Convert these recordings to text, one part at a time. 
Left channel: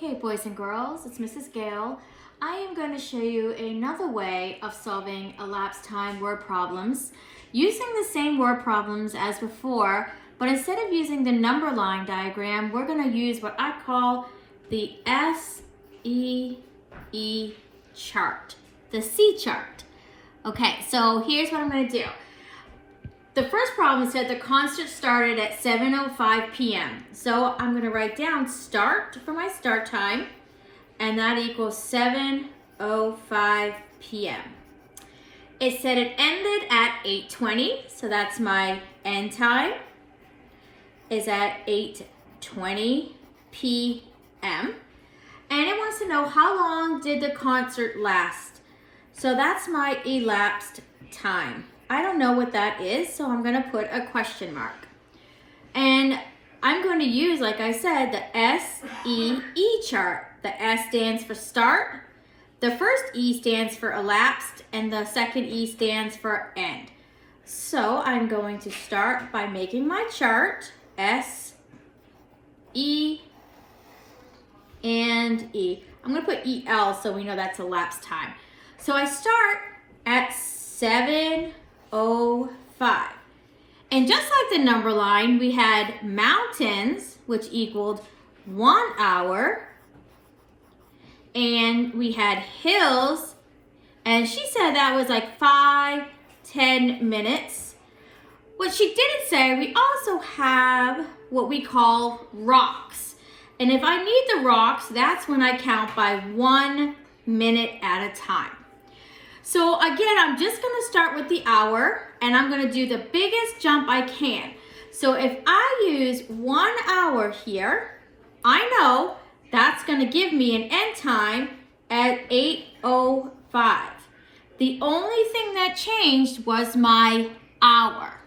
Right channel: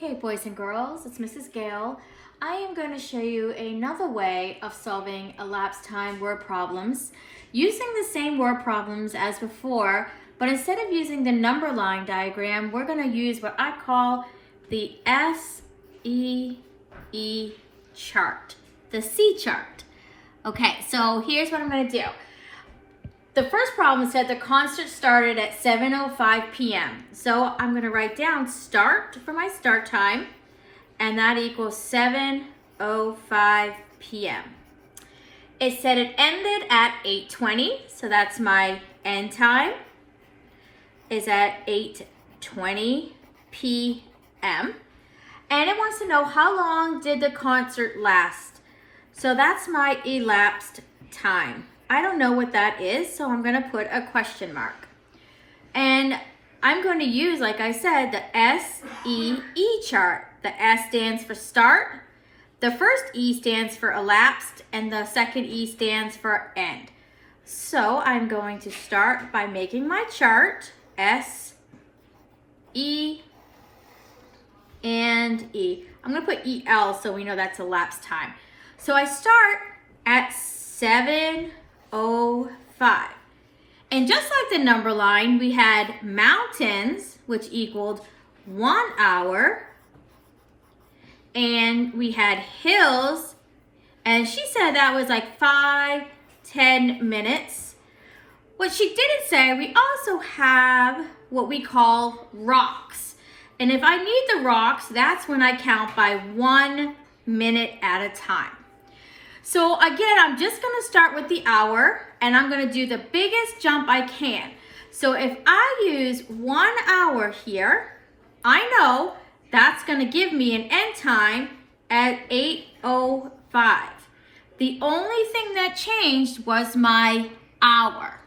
Okay, boys and girls, it's Mrs. Gale. I am going to show you another way of solving elapsed time word problems using the same word problems as before, but instead of using the number line diagram, we're going to use what I call the SEE chart, the C chart. Okay, so here's what I'm going to do. The first problem said the concert started at 7:05 p.m. So I'm going to write down start for my start time, and that equals 7:05 p.m. It said it ended at 8:20, so that's my end time is at 8:20 p.m. And it wants to know how long did the concert last. So that's my elapsed time. I don't know what that is, so I'm going to put a question mark. And I'm going to use, like I said, the SEE chart. The S stands for start, the first E stands for elapsed, and the second E stands for end. So I'm going to start by making my chart, S, E, and E. I'm going to put EL so we know that's elapsed time. So I start at 7:05. And just like the number line, we had mountains, which equaled 1 hour. And we had hills, and she said that was like 5-10 minutes. What she didn't say, we also have what we call rocks. And if I need the rocks, that's when I count by 1 minute at a time. So again, I'm just going to start with the hour, and I'm going to do the biggest jump I can. So if I use 1 hour here, I know that's going to give me an end time at 8:05. The only thing that changed was my hour.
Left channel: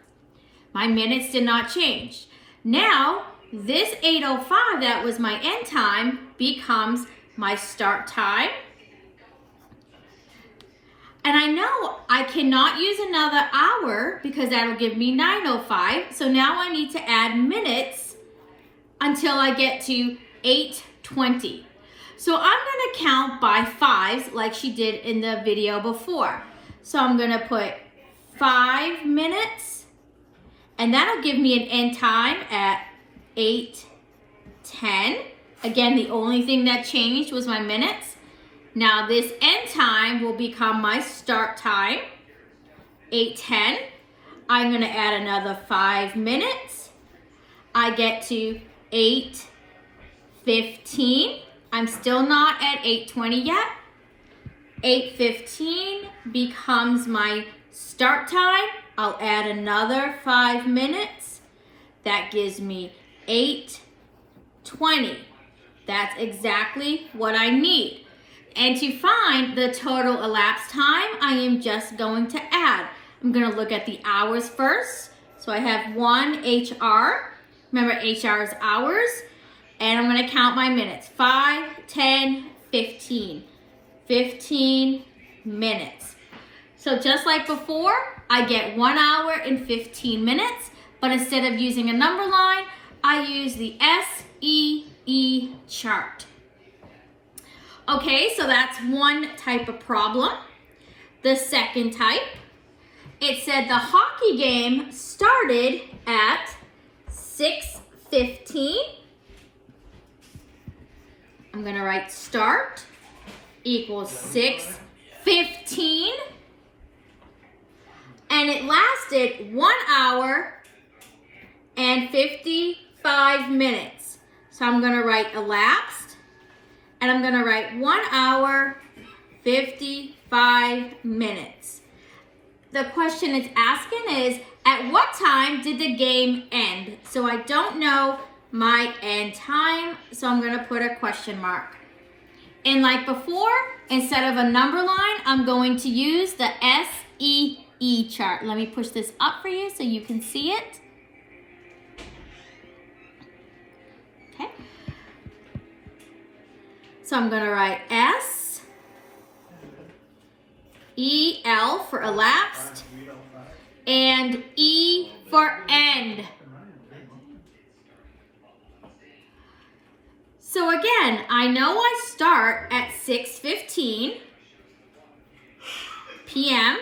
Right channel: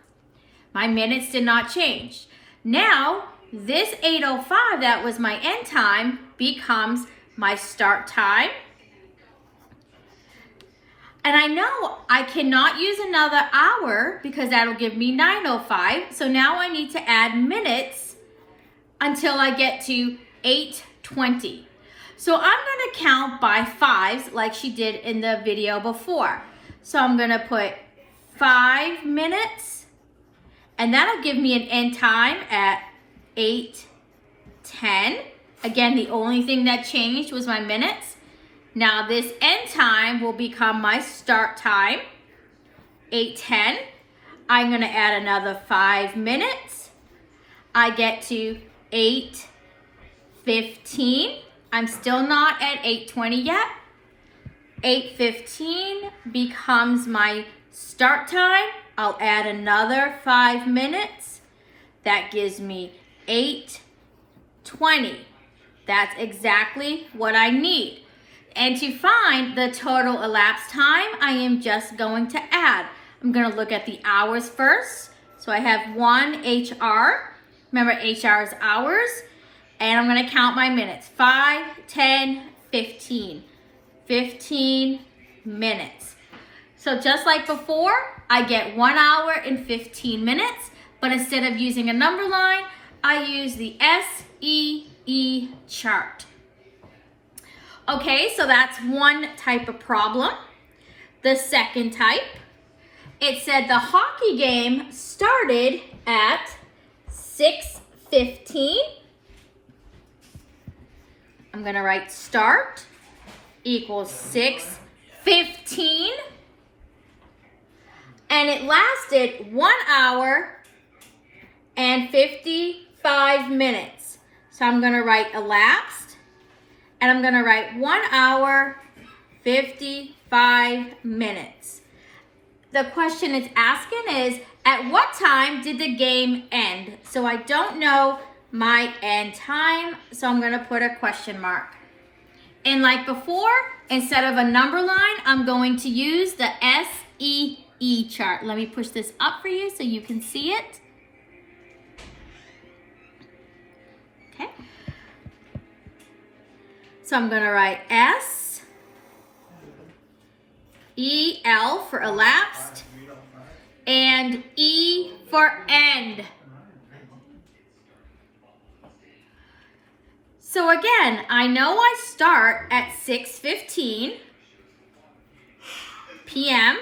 My minutes did not change. Now, this 8:05 that was my end time becomes my start time. And I know I cannot use another hour because that'll give me 9:05. So now I need to add minutes until I get to 8:20. So I'm going to count by fives like she did in the video before. So I'm going to put 5 minutes, and that'll give me an end time at 8:10. Again, the only thing that changed was my minutes. Now this end time will become my start time, 8:10. I'm going to add another 5 minutes. I get to 8:15. I'm still not at 8:20 yet. 8:15 becomes my start time. I'll add another 5 minutes. That gives me 8:20. That's exactly what I need. And to find the total elapsed time, I am just going to add. I'm going to look at the hours first. So I have 1 HR. Remember, HR is hours. And I'm going to count my minutes. 5, 10, 15. 15 minutes. So just like before, I get 1 hour and 15 minutes. But instead of using a number line, I use the SEE chart. Okay, so that's one type of problem. The second type, it said the hockey game started at 6:15. I'm going to write start equals 6:15. And it lasted 1 hour and 55 minutes. So I'm going to write elapsed. And I'm going to write 1 hour, 55 minutes. The question it's asking is, at what time did the game end? So I don't know my end time, so I'm going to put a question mark. And like before, instead of a number line, I'm going to use the SEE chart. Let me push this up for you so you can see it. Okay. So I'm going to write S-E-L for elapsed and E for end. So again, I know I start at 6:15 p.m.,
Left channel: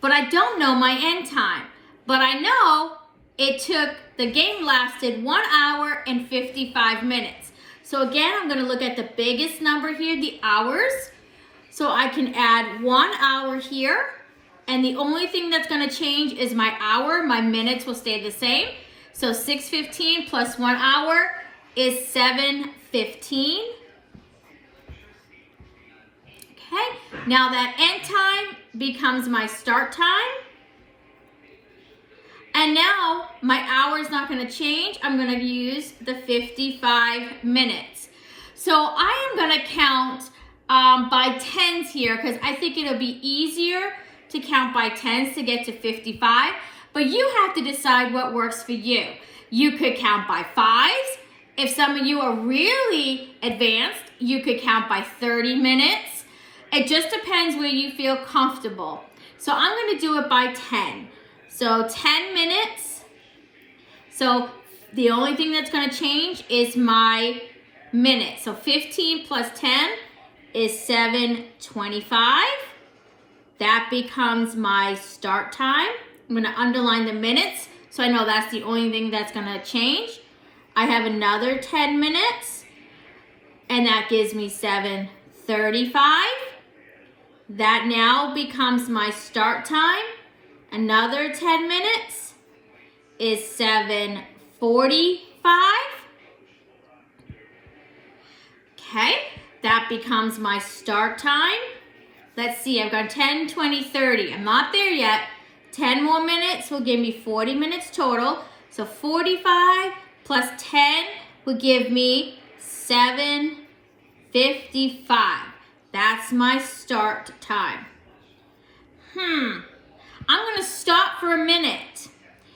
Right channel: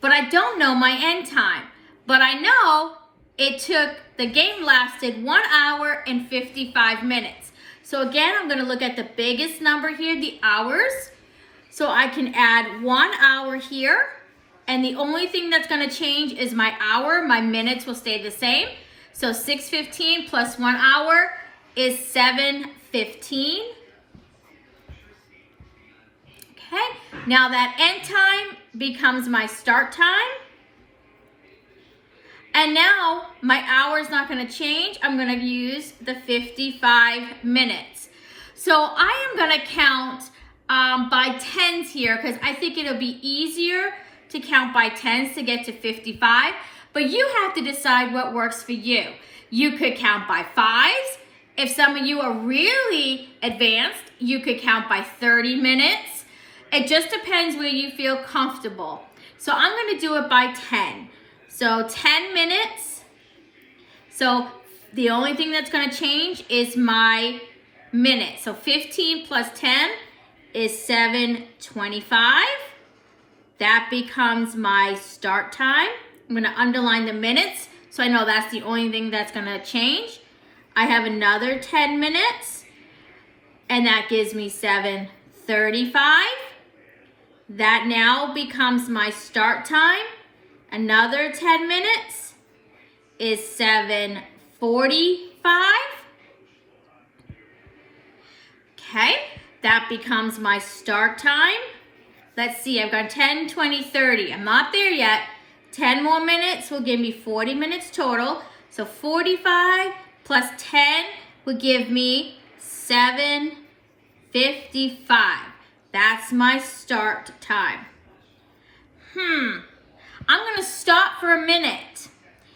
but I don't know my end time. But I know the game lasted 1 hour and 55 minutes. So again, I'm going to look at the biggest number here, the hours. So I can add 1 hour here. And the only thing that's going to change is my hour. My minutes will stay the same. So 6:15 plus 1 hour is 7:15. Okay, now that end time becomes my start time. And now my hour is not going to change. I'm going to use the 55 minutes. So I am going to count by tens here because I think it'll be easier to count by tens to get to 55. But you have to decide what works for you. You could count by fives. If some of you are really advanced, you could count by 30 minutes. It just depends where you feel comfortable. So I'm going to do it by 10. So 10 minutes. So the only thing that's going to change is my minute. So 15 plus 10 is 7:25. That becomes my start time. I'm going to underline the minutes so I know that's the only thing that's going to change. I have another 10 minutes and that gives me 7:35. That now becomes my start time. Another 10 minutes is 7:45. Okay, that becomes my start time. Let's see, I've got 10, 20, 30. I'm not there yet. 10 more minutes will give me 40 minutes total. So 45 plus 10 will give me 7:55. That's my start time. I'm going to stop for a minute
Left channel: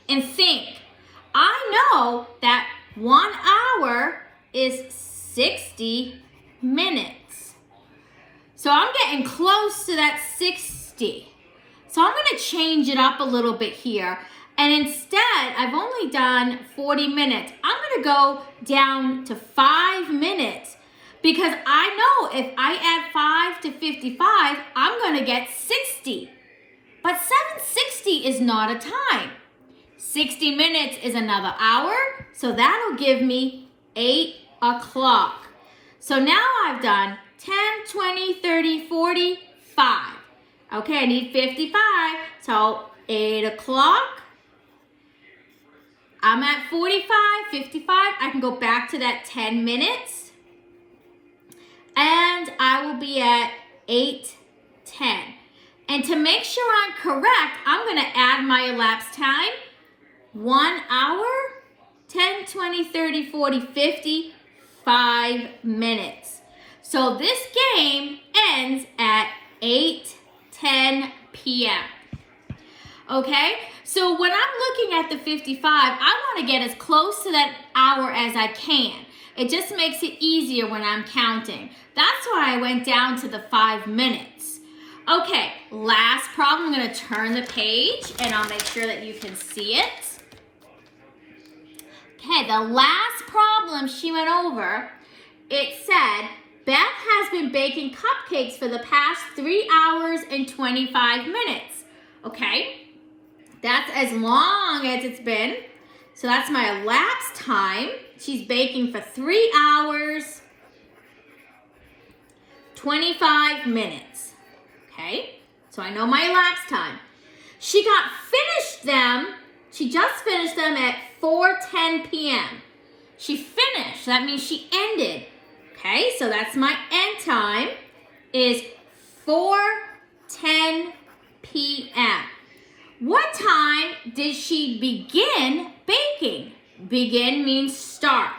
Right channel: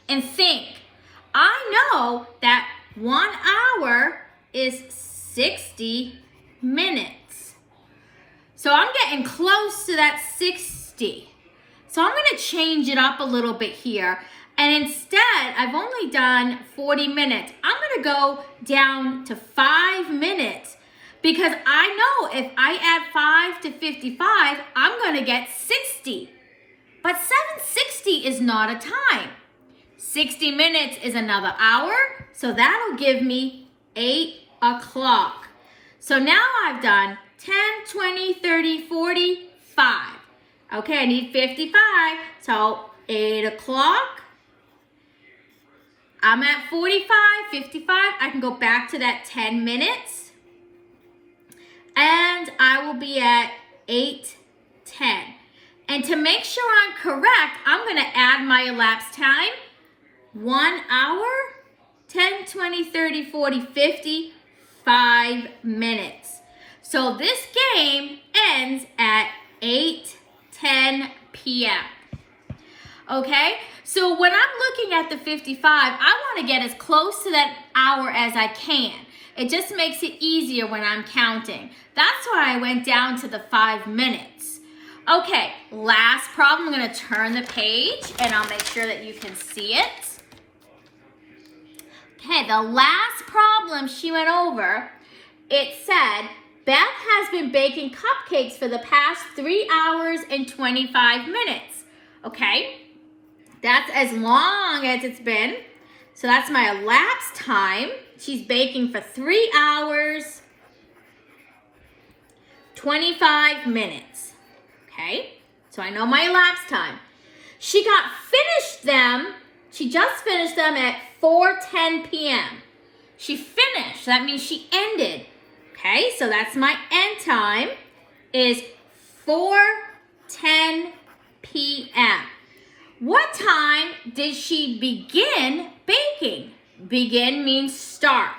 and think. I know that 1 hour is 60 minutes. So I'm getting close to that 60. So I'm going to change it up a little bit here. And instead, I've only done 40 minutes. I'm going to go down to 5 minutes because I know if I add 5 to 55, I'm going to get 60. But 7:60 is not a time. 60 minutes is another hour, so that'll give me 8 o'clock. So now I've done 10, 20, 30, 40, 5. Okay, I need 55, so 8 o'clock. I'm at 45, 55. I can go back to that 10 minutes. And I will be at 8:10. And to make sure I'm correct, I'm going to add my elapsed time. 1 hour, 10, 20, 30, 40, 50, 5 minutes. So this game ends at 8:10 p.m. Okay, so when I'm looking at the 55, I want to get as close to that hour as I can. It just makes it easier when I'm counting. That's why I went down to the 5 minutes. Okay, last problem. I'm going to turn the page and I'll make sure that you can see it. Okay, the last problem she went over, it said, Beth has been baking cupcakes for the past 3 hours and 25 minutes. Okay, that's as long as it's been. So that's my elapsed time. She's baking for 3 hours, 25 minutes. Okay, so I know my elapsed time. She just finished them at 4:10 p.m. She finished, so that means she ended. Okay, so that's my end time is 4:10 p.m. What time did she begin baking? Begin means start.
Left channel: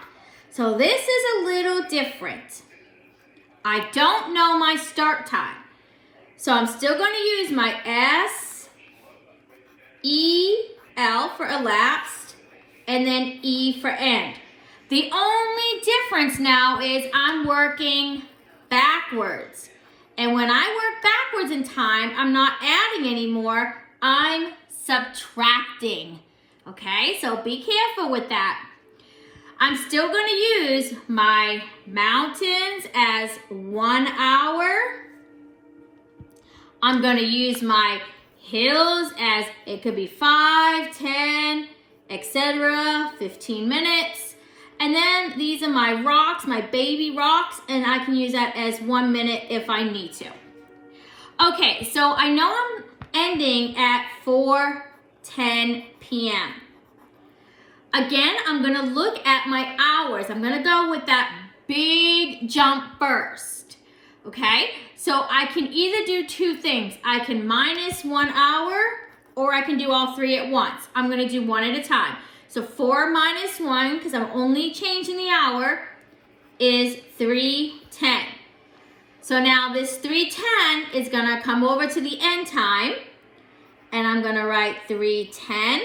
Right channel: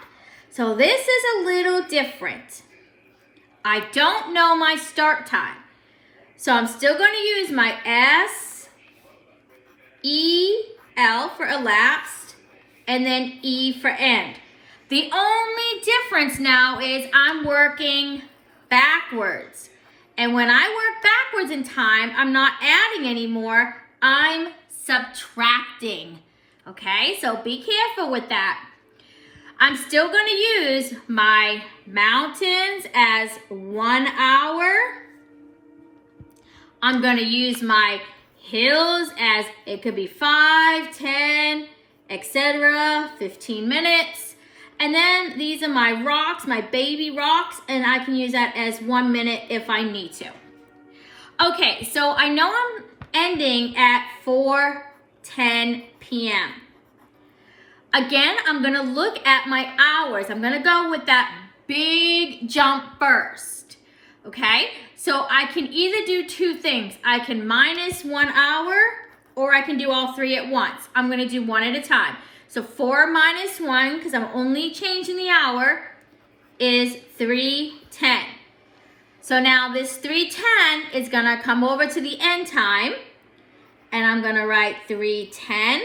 So this is a little different. I don't know my start time. So I'm still going to use my S-E-L for elapsed and then E for end. The only difference now is I'm working backwards. And when I work backwards in time, I'm not adding anymore, I'm subtracting. Okay, so be careful with that. I'm still going to use my mountains as 1 hour. I'm going to use my hills as it could be 5, 10, etc., 15 minutes. And then these are my rocks, my baby rocks, and I can use that as 1 minute if I need to. Okay, so I know I'm ending at 4:10 p.m. Again, I'm gonna look at my hours. I'm gonna go with that big jump first, okay? So I can either do two things. I can minus 1 hour, or I can do all three at once. I'm gonna do one at a time. So 4 minus 1, because I'm only changing the hour, is 3:10. So now this 3:10 is gonna come over to the end time, and I'm gonna write 3:10,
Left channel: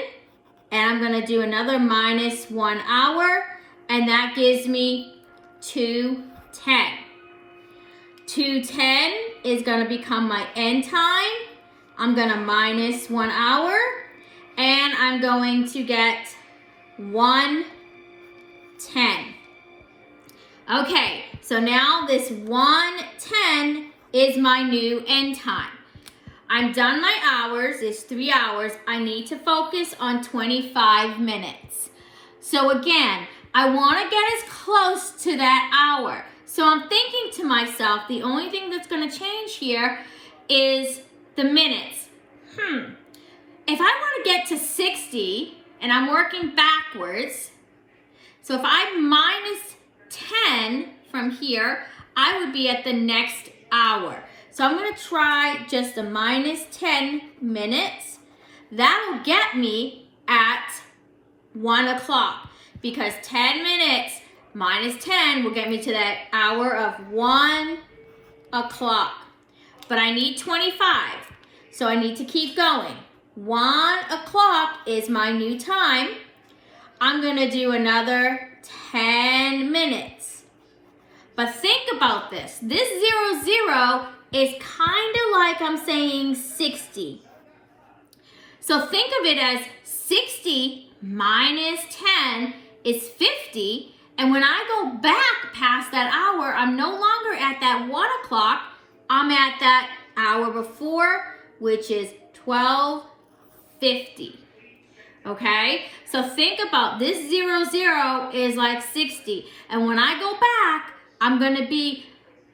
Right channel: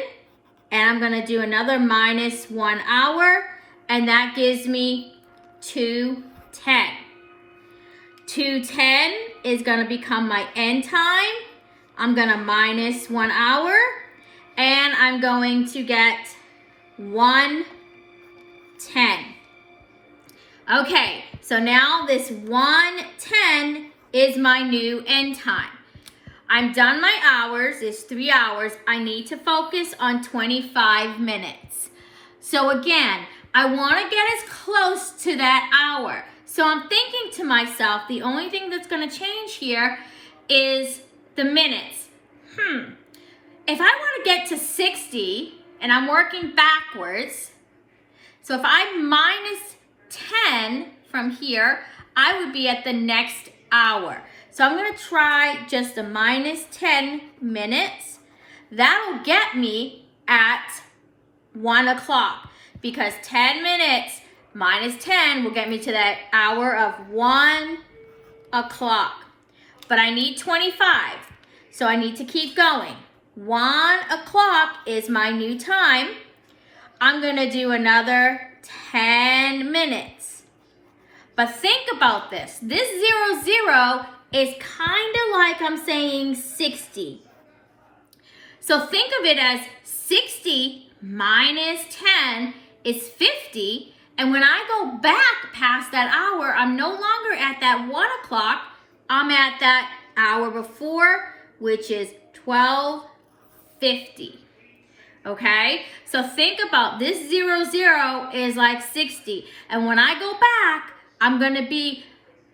and I'm gonna do another minus 1 hour, and that gives me 2:10. 2:10 is gonna become my end time. I'm gonna minus 1 hour, and I'm going to get 1:10. Okay, so now this 1:10 is my new end time. I'm done my hours, it's 3 hours. I need to focus on 25 minutes. So again, I wanna get as close to that hour. So I'm thinking to myself, the only thing that's gonna change here is the minutes. If I wanna get to 60, and I'm working backwards, so if I minus 10 from here, I would be at the next hour. So I'm gonna try just a minus 10 minutes. That'll get me at 1 o'clock, because 10 minutes minus 10 will get me to that hour of 1 o'clock. But I need 25, so I need to keep going. 1 o'clock is my new time. I'm gonna do another 10 minutes. But think about this. This 00 is kind of like I'm saying 60. So think of it as 60 minus 10 is 50. And when I go back past that hour, I'm no longer at that 1 o'clock. I'm at that hour before, which is 12:50. Okay? So think about this 00 is like 60. And when I go back, I'm going to be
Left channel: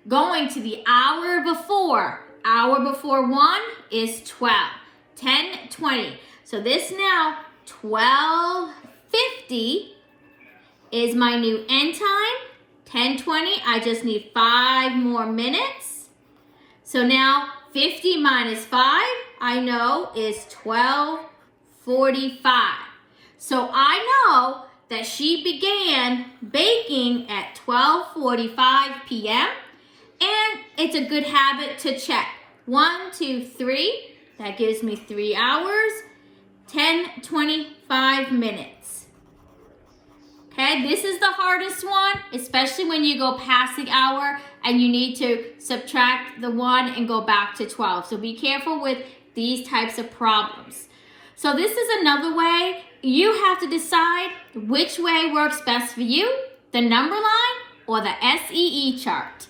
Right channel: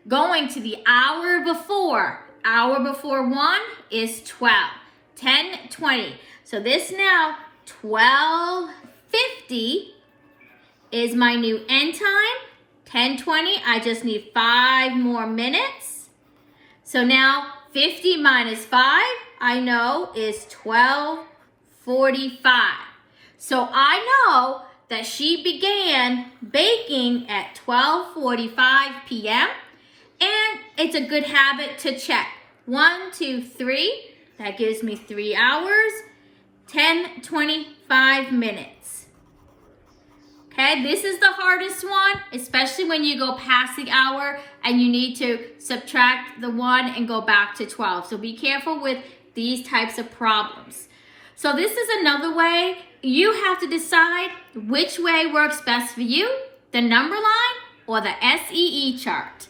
going to the hour before. Hour before 1 is 12. 10:20. So this now, 12:50 is my new end time. 10:20, I just need 5 more minutes. So now 50 minus 5, I know, is 12:45. So I know that she began baking at 12:45 p.m. and it's a good habit to check. 1, 2, 3, that gives me 3 hours, 10:25 minutes. Okay, this is the hardest one, especially when you go past the hour and you need to subtract the 1 and go back to 12. So be careful with these types of problems. So this is another way. You have to decide which way works best for you, the number line or the SEE chart.